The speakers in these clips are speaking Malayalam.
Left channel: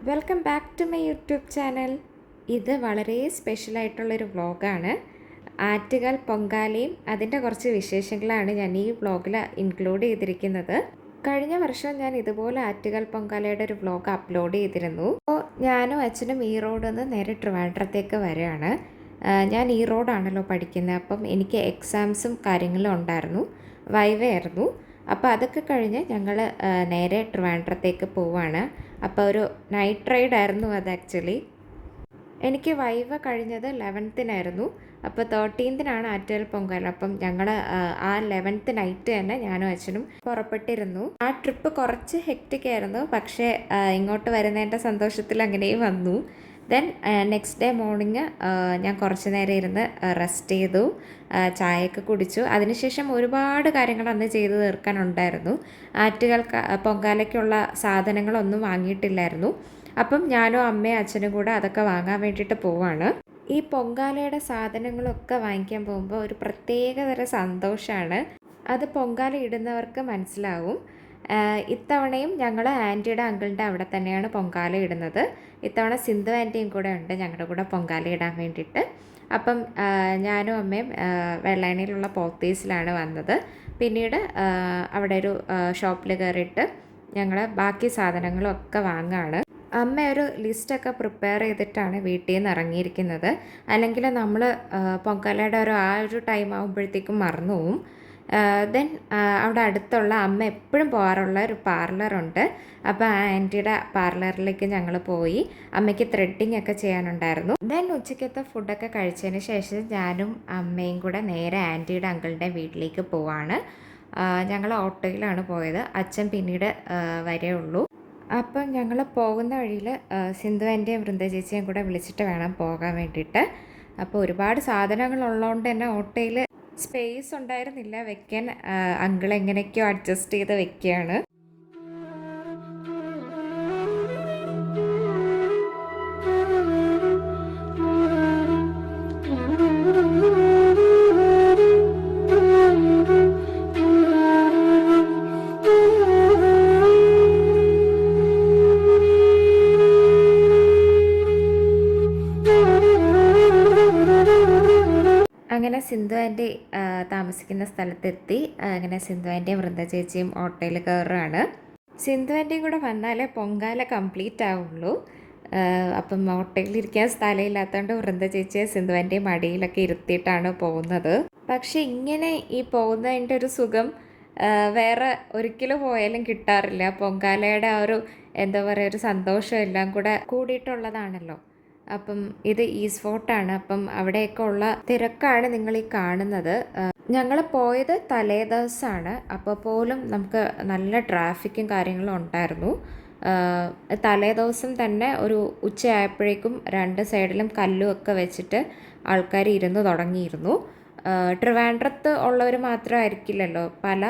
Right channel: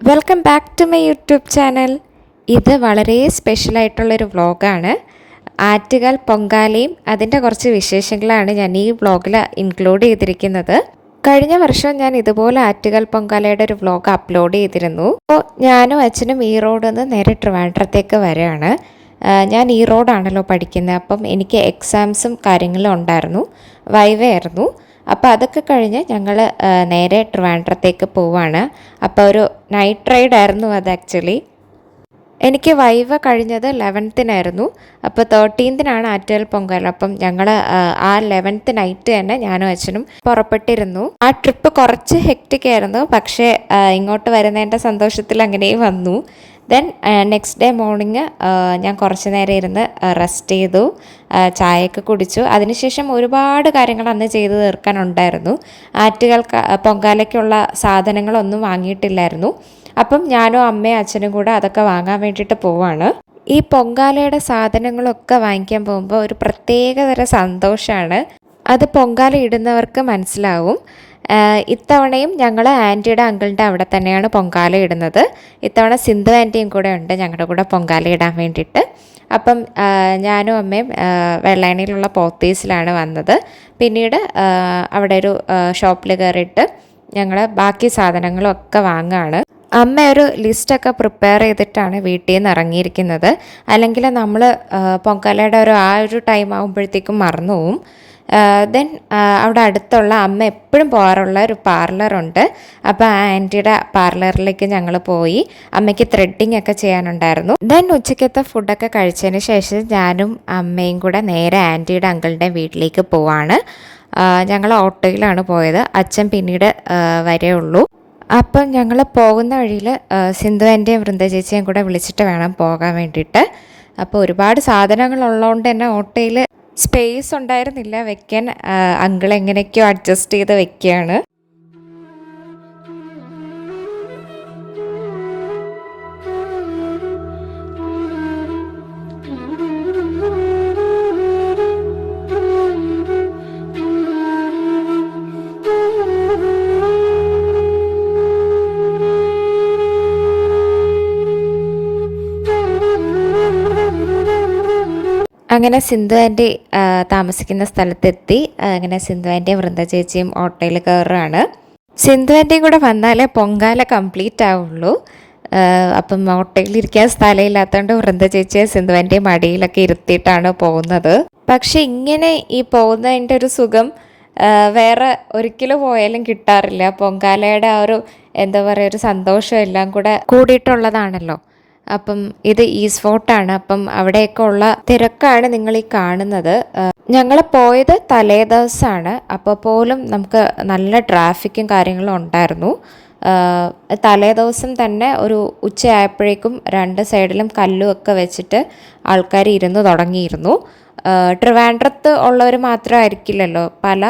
Welcome back to my YouTube channel ഇത് വളരെ സ്പെഷ്യലായിട്ടുള്ളൊരു വ്ളോഗാണ് ആറ്റുകാൽ പൊങ്കാലയും അതിന്റെ കുറച്ച് വിശേഷങ്ങളാണ് ഞാൻ ഈ വ്ളോഗിൽ ഇൻക്ലൂഡ് ചെയ്തിരിക്കുന്നത്. കഴിഞ്ഞ വർഷം ഞാൻ ഇതുപോലെ ആറ്റുകാൽ പൊങ്കാലയുടെ ഒരു വ്ളോഗ് അപ്ലോഡ് ചെയ്തിരുന്നു. അപ്പോൾ ഞാനും അച്ഛനും ഈ റോഡിൽ നിന്ന് നേരെ ട്രിവാൻഡ്രത്തേക്ക് വരികയാണ്. ഞാൻ ഈ റോഡാണല്ലോ പഠിക്കുന്നത്. അപ്പം എനിക്ക് എക്സാംസും കാര്യങ്ങളും ഉണ്ടായിരുന്നു. വൈവയായിരുന്നു അപ്പോൾ അതൊക്കെ കഴിഞ്ഞ് ഞങ്ങൾ നേരെ ട്രിവാൻഡ്രത്തേക്ക് പോവാണ്. അപ്പോൾ ഒരു നൈറ്റ് റൈഡ് ആയിരുന്നു അത് ആക്ച്വലി എനിക്ക് വൈവ കഴിഞ്ഞത് ലെവൻത്തിനായിരുന്നു അപ്പോൾ തേർട്ടീൻത്തിനാണ് ആറ്റുകാൽ പൊങ്കാല അപ്പം ഞങ്ങൾ ആ ലെവൻത്ത് നൈറ്റ് തന്നെ ഞാനും അച്ഛനും പുറപ്പെട്ടിരുന്നു. ആ ട്രിപ്പ് കുറച്ച് ഹെക്റ്റിക് ആയിരുന്നു. പക്ഷേ ഇങ്ങോട്ട് വരുന്നതിന്റെ സന്തോഷത്തിൽ അങ്ങനെയും വന്നു. ദെൻ നെക്സ്റ്റ് ഡേ മോർണിംഗ് ഞാൻ കുറച്ച് നേരം ഇരുന്ന് റെസ്റ്റ് ചെയ്തു ചായയൊക്കെ കുടിച്ചു. അതിനുശേഷം ഒരുപാട് കാര്യങ്ങൾ അന്ന് ചെയ്തു തീർക്കാനുണ്ടായിരുന്നു ആറ്റുകൾക്ക് ക- പൊങ്കാലയ്ക്കുള്ള സാധനങ്ങളൊന്നും വാങ്ങിയിട്ടില്ലായിരുന്നു. അപ്പം ഞാനും അമ്മയും അച്ഛനും കൂടെ അതൊക്കെ വാങ്ങാൻ വേണ്ടിയിട്ട് പോവാണ്. ഈ പൊങ്കാലയുടെ സാധനങ്ങളൊക്കെ വാങ്ങിക്കാൻ പോകുമ്പോൾ ഒരു പ്രത്യേകതരം സന്തോഷമാണ് അത് പൊങ്കാല ഇടുന്നവർക്ക് മനസ്സിലാവും. ഇത്തവണയും ഞങ്ങൾ ആന്റിയുടെ അങ്കിളിന്റെ അവിടെ തന്നെയാണ് പൊങ്കാല ഇടുന്നത്. ഇത്തവണ സിന്ധു ആന്റിയും കൂടെ ഉണ്ട് ഞങ്ങളുടെ കൂടെ പൊങ്കാല ഇടാൻ വേണ്ടിയിട്ട്. അപ്പം ഞാനും അമ്മയും വെള്ളായണിയിലുള്ള പോത്തീസിലാണ് വന്നത്. പിന്നീട് അവിടെ ഒരു ഷോപ്പിൽ കയറിയിട്ട് ഞങ്ങൾ ബാക്കി സാധനങ്ങളൊക്കെ വാങ്ങുകയാണ് അമ്മ ഒരു ലിസ്റ്റൊക്കെ പ്രിപ്പയർ ചെയ്തിട്ടാണ് വീട്ടിൽ നിന്ന് ഇറങ്ങിയിരിക്കുന്നത് അല്ലെങ്കിൽ നമ്മൾ പൊങ്കാലയുടെ ഒരു ആ ഒരു ടൈം ആകുമ്പോഴത്തേക്കും മറന്നു പോവും ദെൻ അവിടെ അടുത്തുള്ള അമ്മ എപ്പോഴും പോകാറുള്ള ഒരു പാർലറുണ്ട് അപ്പോൾ ആ ആന്റിയുടെ പാർലറിലേക്ക് ഞങ്ങൾ പോയി. അമ്മയ്ക്ക് ത്രെഡിങ് ഒക്കെ ചെയ്യാനുണ്ടായിരുന്നു. ദെൻ ഉച്ചയ്ക്കത്തെ ഫുഡൊക്കെ കഴിച്ചതിന് ശേഷം ഞാനും അമ്മയും കൂടെ നേരെ ആന്റിയുടെ അങ്കിളുടെ വീട്ടിലേക്ക് പോവാണ്. ഞങ്ങൾ ഓട്ടോയിലാണ് പോയത്. അച്ഛൻ പിന്നീട് വരേ അപ്പം ഞങ്ങൾ പോകുന്ന വഴിയിൽ സിന്ധു ആന്റിയും വൃന്ദ ചേച്ചിയും കൂടെ വിളിച്ചിട്ട് വേണം പോകാൻ വേണ്ടിയിട്ട്. അപ്പോൾ ഒരുപാട് സാധനങ്ങൾ ഉള്ളതുകൊണ്ട് തന്നെ ഓട്ടോയിൽ സ്പേസ് ഉണ്ടായിരുന്നില്ല. വെക്കാൻ അങ്കിൾ എങ്ങനെയൊക്കെയോ അഡ്ജസ്റ്റ് ചെയ്ത് വെക്കുകയാണ്. അങ്ങനെ സിന്ധു ആന്റി താമസിക്കുന്ന സ്ഥലത്തെത്തി. അങ്ങനെ സിന്ധു ആന്റിയും വൃന്ദ ചേച്ചിയും ഓട്ടോയിൽ കയറുകയാണ്. സിന്ധു ആന്റിയും കൂടെ വന്നാലേ പൊങ്കാല കംപ്ലീറ്റ് ആവുള്ളൂ. അപ്പം ഓട്ടോയിൽ ഇരിക്കാൻ സ്ഥലമില്ലാത്തതുകൊണ്ട് വൃന്ദ ചേച്ചിയെ സിന്ധു ആന്റിയും മടിയിലൊക്കെ ഇരുത്തിയിട്ടാണ് പോകുന്നത്. പക്ഷെ ഇങ്ങനെ ഈ പോകുന്നതിന്റെ ഒരു സുഖം വേറെ ഒരിക്കലും പോയാലും കിട്ടാറില്ല. പൊങ്കാലയുടെ ആ ഒരു എന്താ പറയുക ഒരു സന്തോഷം എല്ലാം കൂടെ കൂടിയിട്ടുള്ളതാണല്ലോ. അപ്പം ഇത് ഈസ് ഫോർട്ടാണ് അപ്പം അവിടെയൊക്കെ ഉള്ള തിരക്കാണ് നിങ്ങൾ ഈ കാണുന്നത്. ഞങ്ങൾ പോയത് തലേ ദിവസമാണ് അപ്പോൾ പോലും നമുക്ക് നല്ല ട്രാഫിക്കും കാര്യങ്ങളും ഉണ്ടായിരുന്നു. തലേ ദിവസം തന്നെ ഒരു ഉച്ചയായപ്പോഴേക്കും രണ്ട് സൈഡിലും കല്ലും ഒക്കെ വെച്ചിട്ട് ആൾക്കാർ ഇരുന്ന് തുടങ്ങിയിരുന്നു. ട്രിവാൻഡ്രത്ത് ഉള്ളവർ മാത്രമായിരിക്കില്ലല്ലോ. പല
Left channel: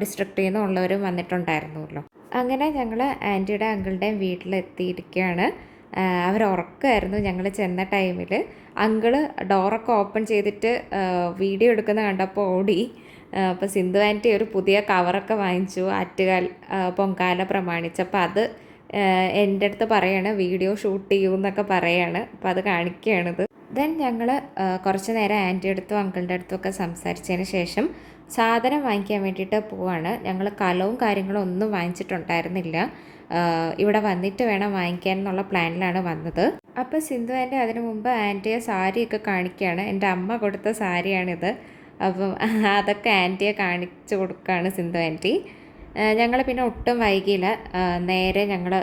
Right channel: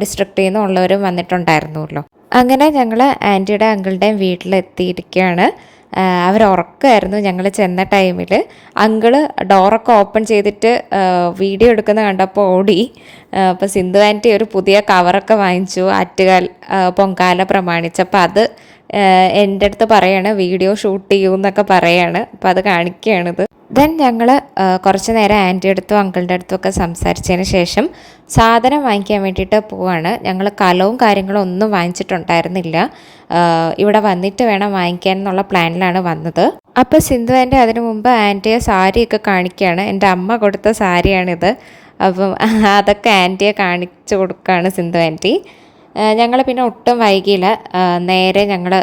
ഡിസ്ട്രിക്റ്റിൽ നിന്നും ഉള്ളവരും വന്നിട്ടുണ്ടായിരുന്നല്ലോ. അങ്ങനെ ഞങ്ങൾ ആന്റിയുടെ അങ്കിളുടെയും വീട്ടിലെത്തിയിരിക്കുകയാണ്. അവർ ഉറക്കമായിരുന്നു ഞങ്ങൾ ചെന്ന ടൈമിൽ അങ്കിൾ ഡോറൊക്കെ ഓപ്പൺ ചെയ്തിട്ട് വീഡിയോ എടുക്കുന്ന കണ്ടപ്പോൾ ഓടി. അപ്പോൾ സിന്ധു ആന്റി ഒരു പുതിയ കവറൊക്കെ വാങ്ങിച്ചു ആറ്റുകാൽ പൊങ്കാല പ്രമാണിച്ചപ്പോൾ അത് എന്റെ അടുത്ത് പറയാണ് വീഡിയോ ഷൂട്ട് ചെയ്യൂ എന്നൊക്കെ പറയാണ്. അപ്പോൾ അത് കാണിക്കുകയാണിത്. ദെൻ ഞങ്ങൾ കുറച്ച് നേരം ആന്റി അടുത്തും അങ്കിളിന്റെ അടുത്തും ഒക്കെ സംസാരിച്ചതിന് ശേഷം സാധനം വാങ്ങിക്കാൻ വേണ്ടിയിട്ട് പോവാണ്. ഞങ്ങൾ കലവും കാര്യങ്ങളും ഒന്നും വാങ്ങിച്ചിട്ടുണ്ടായിരുന്നില്ല. ഇവിടെ വന്നിട്ട് വേണം വാങ്ങിക്കാൻ എന്നുള്ള പ്ലാനിലാണ് വന്നത്. അപ്പോൾ സിന്ധു ആന്റി അതിനു മുമ്പ് ആന്റിയെ സാരിയൊക്കെ കാണിക്കുകയാണ്. എന്റെ അമ്മ കൊടുത്ത സാരിയാണിത്. അപ്പം അതൊക്കെ ആന്റിയെ കാണിച്ചു കൊടുക്കുകയാണ് സിന്ധു ആന്റി. ഞങ്ങൾ പിന്നെ ഒട്ടും വൈകിയില്ല. നേരെ ഞങ്ങൾ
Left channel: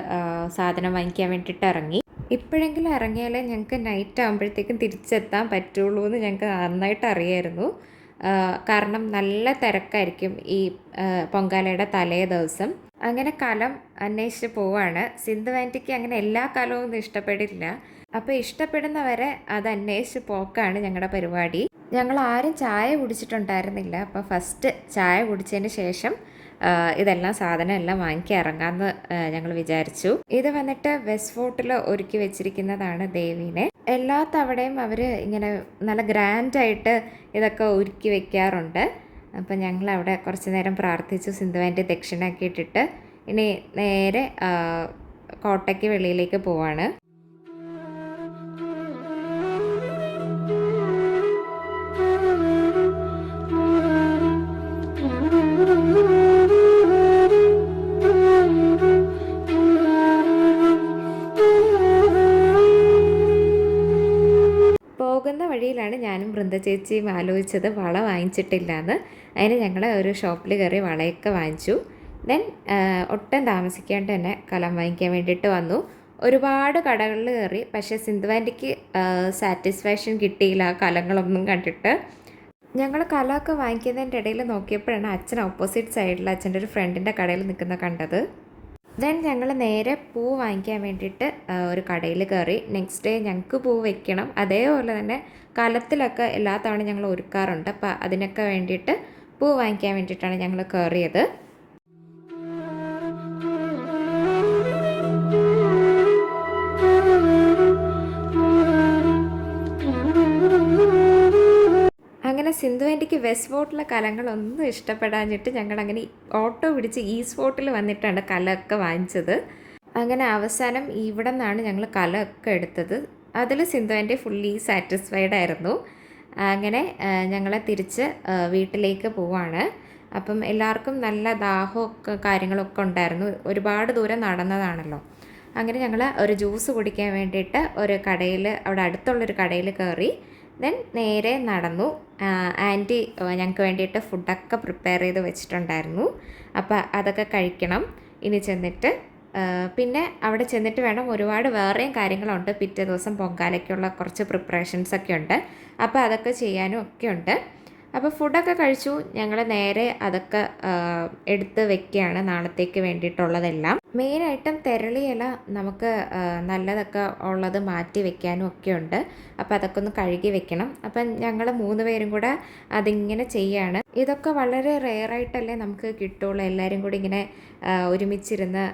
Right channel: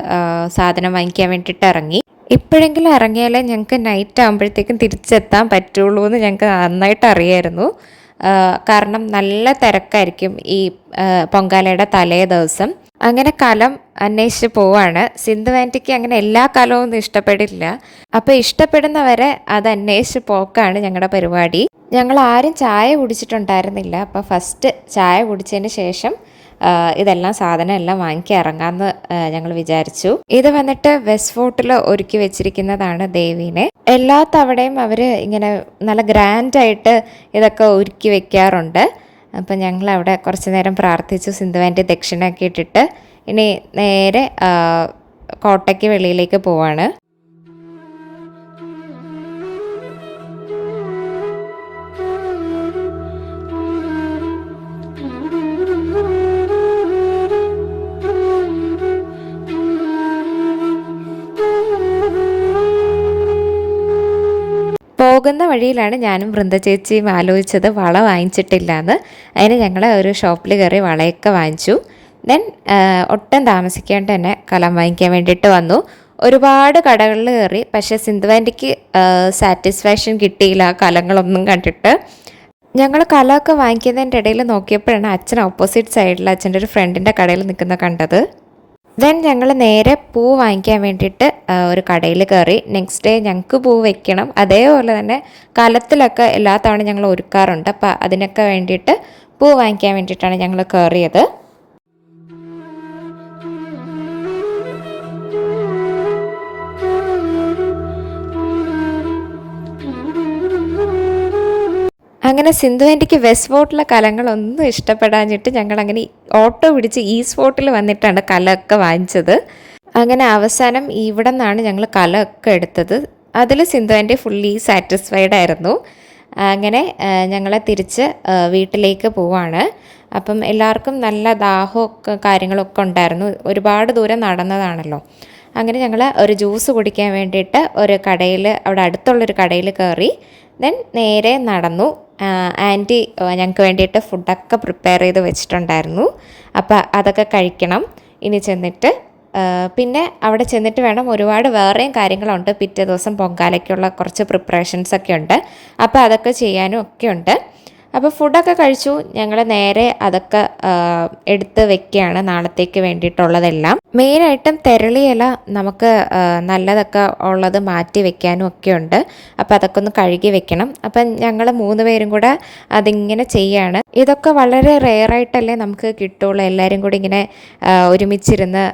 സാധനം വാങ്ങിക്കാൻ വേണ്ടിയിട്ട് ഇറങ്ങി. ഇപ്പോഴെങ്കിലും ഇറങ്ങിയാലേ ഞങ്ങൾക്ക് നൈറ്റ് ആകുമ്പോഴത്തേക്കും തിരിച്ചെത്താൻ പറ്റുള്ളൂ എന്ന് ഞങ്ങൾക്ക് നന്നായിട്ട് അറിയായിരുന്നു. കാരണം നല്ല തിരക്കായിരിക്കും ഈ പൊങ്കാലയുടെ തലേ ദിവസം. അങ്ങനെ കലം അന്വേഷിച്ച് പോവാണ്. സിന്ധു ആന്റിക്ക് അങ്ങനെ എല്ലാ കലവും ഒന്നും ഇഷ്ടപ്പെടില്ല. അപ്പോൾ ഇഷ്ടപ്പെടുന്നവരെ അത് അന്വേഷിച്ച് പോക്കാണ് ഞങ്ങളുടെ പരിപാടി. ഞങ്ങൾ ആരും ചായ കുടിച്ചിട്ടുണ്ടായിരുന്നില്ല. അപ്പോൾ ഫസ്റ്റ് ചായ കുടിച്ചതിന് ശേഷം ഇതെല്ലാം സാധനം എല്ലാം വാങ്ങിക്കി ഇറങ്ങാമെന്ന് ഞങ്ങൾ വിചാരിച്ചു. ഇത് വന്നിട്ട് വെസ്റ്റ് ഫോർട്ടിൽ ഒരുക്കി വെച്ചിരിക്കുന്നതാണ് ദേവീനെ. എല്ലാ തവണയും അവർ ഇങ്ങനെ നല്ല ഗ്രാൻഡായിട്ട് ഇതൊക്കെ ഒരുക്കി വെക്കാറുണ്ട്. അപ്പം ഞങ്ങൾ അവിടെ കുറച്ച് നേരം പ്രാർത്ഥിച്ചു സിന്ധുവാന്റെ ദക്ഷിണയൊക്കെ ഇട്ടിട്ട് ഇനി നേരെ കോട്ടയ്ക്ക് വെളിയിലേക്ക് പോവാണ്. പോകുന്ന വഴിയിലാണ് ഞാനും വൃന്ദ ചേച്ചിയും ആലോചിച്ചത്. വള വാങ്ങിച്ചിട്ടില്ല എന്ന് അതിന് ഞങ്ങൾ ഒരു ഷോപ്പിൽ കയറി വളയൊക്കെ വാങ്ങിച്ചു. ദെൻ ഒട്ടും താമസിക്കാണ്ട് തന്നെ കലം വാങ്ങിക്കാൻ വേണ്ടിയിട്ട് വന്നു. ഒരുപാട് കടകളിൽ കയറി. പക്ഷേ സിന്ധുവാന്റിക്ക് സാറ്റിസ്ഫാക്ഷൻ കിട്ടിയില്ല കലങ്ങളൊന്നും കണ്ടിട്ട്. ഞങ്ങൾ കലമൊക്കെ വാങ്ങിക്കുന്നതിന്റെ ഇടയിൽ നോക്കിയപ്പോഴാണ് അച്ഛൻ ഓപ്പോസിറ്റ് സൈഡിൽ അച്ഛന്റെ ഒരു ഫ്രണ്ടിന്റെ കടയിൽ നിൽക്കുന്ന കണ്ടത്. ദെൻ ഞങ്ങൾ നേരെ പൂ വാങ്ങിക്കാൻ വേണ്ടിയിട്ട് ഒരു കടയിൽ കയറി. നെക്സ്റ്റ് ഡേ ഞങ്ങൾക്ക് പൂ വെക്കണം. അതേപോലെ തന്നെ കലത്തിലൊക്കെ എല്ലാ തവണ ഞങ്ങൾ ഒരുക്കാറുണ്ട്. അപ്പോൾ അതിനൊക്കെ വേണ്ടിയിട്ട് പൂ വാങ്ങിക്കാൻ വേണ്ടിയിട്ടാണ് ഞങ്ങൾ കയറിയത്. അങ്ങനെ സിന്ധു ആന്റിക്ക് വെസ്റ്റ് ഫോർട്ടിലെ കലങ്ങളൊന്നും ഇഷ്ടപ്പെടാഞ്ഞിട്ട് ഞങ്ങൾ അങ്ങനെ ഓട്ടോ പിടിച്ച് ഈ സ്പോട്ടിൽ വന്നിട്ടാണ് കലമൊക്കെ വാങ്ങിച്ചത്. അങ്ങനെ അവസാനം ഇവിടെ നിന്നാണ് ഞങ്ങൾ കലമൊക്കെ എടുത്തത്. അതിൽ സിന്ധു ആന്റി ഫുള്ളി സാറ്റിസ്ഫൈഡ് ആയിരുന്നു. അങ്ങനെ ഞങ്ങളെ തിരിച്ച് വീട്ടിലേക്ക് പോവാണ്. അപ്പം എല്ലാവർക്കും നല്ല ദാഹമൊക്കെ കാര്യങ്ങളൊക്കെ ഉണ്ടായിരുന്നു. ഒരുപാട് ദൂരം നടന്നതാണല്ലോ. അങ്ങനെ ഞങ്ങൾ ഒരു ജ്യൂസ് കുടിക്കാൻ വേണ്ടിയിട്ട് ഒരു കടയിൽ അവിടെ അടുത്തുള്ളൊരു കടയിൽ കയറി ദെൻ നേരെ നടന്നു. ആന്റി ഞങ്ങൾക്ക് വേണ്ടിയിട്ട് ഫുഡൊക്കെ പ്രിപ്പയർ ചെയ്ത് വെച്ചിട്ടുണ്ടായിരുന്നു. അപ്പോൾ അതൊക്കെ കഴിക്കണം. ഇനി ചെന്നിട്ട് പിന്നെ അവിടെ ചെന്നിട്ട് വേണം ഒരുപാട് വേറെയും കാര്യങ്ങളുണ്ട്. പിറ്റേ ദിവസം പൊങ്കാലയ്ക്കുള്ള കുറച്ച് പ്രിപ്പറേഷൻസ് ഒക്കെ ഉണ്ട്. അപ്പോൾ അതൊക്കെ ചെയ്യാനും ഒക്കെ ഉണ്ട്. അപ്പോൾ ഫുഡൊക്കെ കഴിച്ചു. ഞങ്ങൾ നേരെ അതൊക്കെ എടുത്ത് വെക്കുകയാണ് നാളത്തേക്ക് വേണ്ടിയിട്ടുള്ളതെല്ലാം. മെയിനായിട്ടും തെരളിയില നമുക്ക് നല്ലതൊക്കെ ഉള്ളത് മാറ്റി വെക്കാനും ഒക്കെ ഉണ്ട്. അപ്പോൾ അതൊക്കെ ഒന്ന് കഴുകി വെക്കണം. അപ്പം ഞങ്ങൾ മൂന്ന് പേരും കൂടെ അതിങ്ങനെ ചെയ്യാണ്. ഇതൊക്കെ വളരെ റെയറായിട്ടല്ലേ നമുക്ക് കിട്ടുള്ളൂ. എല്ലാവരും കൂടി ഇങ്ങനെ ഒരുമിച്ചിരുന്ന്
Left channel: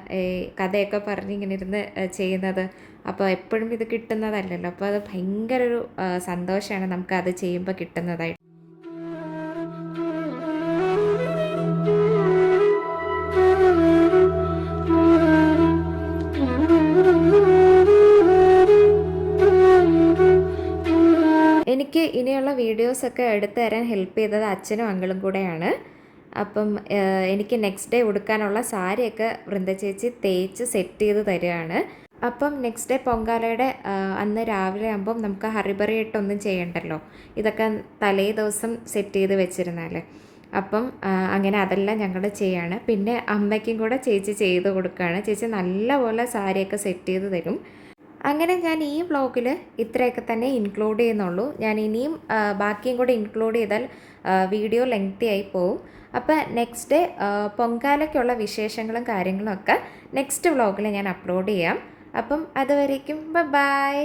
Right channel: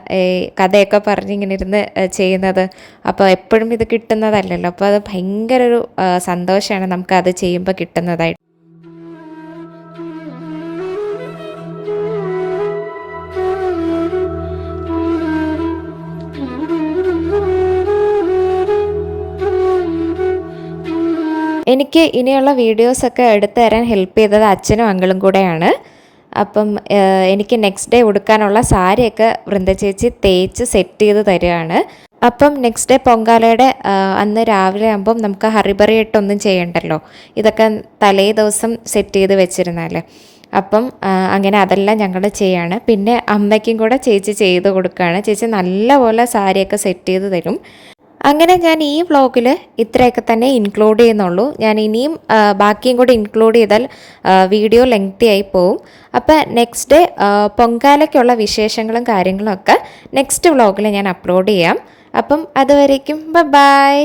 കഥയൊക്കെ പറഞ്ഞിങ്ങനെ ഇരുന്ന് ചെയ്യുന്നത്. അപ്പോൾ എപ്പോഴും ഇത് കിട്ടുന്നതല്ലല്ലോ. അപ്പോൾ അത് ഭയങ്കര ഒരു സന്തോഷമാണ് നമുക്ക് അത് ചെയ്യുമ്പോൾ കിട്ടുന്നതായിട്ട്. എനിക്ക് ഇനിയുള്ള വീഡിയോസൊക്കെ എടുത്തു തരാൻ ഹെൽപ്പ് ചെയ്തത് അച്ഛനും അങ്കിളും കൂടെയാണ്. അപ്പം എനിക്ക് നെക്സ്റ്റ് ഡേ ഉടുക്കാനുള്ള സാരിയൊക്കെ വൃന്ദ ചേച്ചി തേച്ച് സെറ്റ് ചെയ്ത് തരികയാണ് അപ്പം നെക്സ്റ്റ് ഡേ പൊങ്കാലയുടെ അന്ന് രാവിലെ ആകുമ്പം നമുക്ക് ഹറിബറിയായിട്ടൊന്നും ചെയ്യണ്ടല്ലോ. ഇതൊക്കെ തലേ ദിവസം സെറ്റ് ചെയ്ത് വെച്ചിരുന്നാൽ അപ്പം അങ്ങനെ അതെല്ലാം ഞങ്ങൾ ചെയ്യാണ്. പിന്നെ അമ്മയ്ക്കും കൂടെ ചേച്ചി ചെയ്ത് കൊടുക്കുകയാണ് ചേച്ചി നല്ലപോലെ സാരിയൊക്കെ സെറ്റ് ചെയ്ത് തരും. അങ്ങനെ ഞാൻ ഈ വ്ളോഗിൽ ഇത്രയൊക്കെ തന്നെ ഇൻക്ലൂഡ് ചെയ്യുന്നുള്ളൂ. ഞാൻ ഇനിയും ബാക്കിയും കൂടി ഇൻക്ലൂഡ് ചെയ്താൽ വീഡിയോ ലെങ്തി ആയി പോവും. അപ്പോൾ നെക്സ്റ്റ് ഡേ പൊങ്കാലയ്ക്കുള്ള വിശേഷങ്ങളും കാര്യങ്ങളും ഒക്കെ നെക്സ്റ്റ് വ്ളോഗിൽ ഞാൻ അപ്ലോഡ് ചെയ്യാം. അപ്പം അതുവരേക്കും ബൈ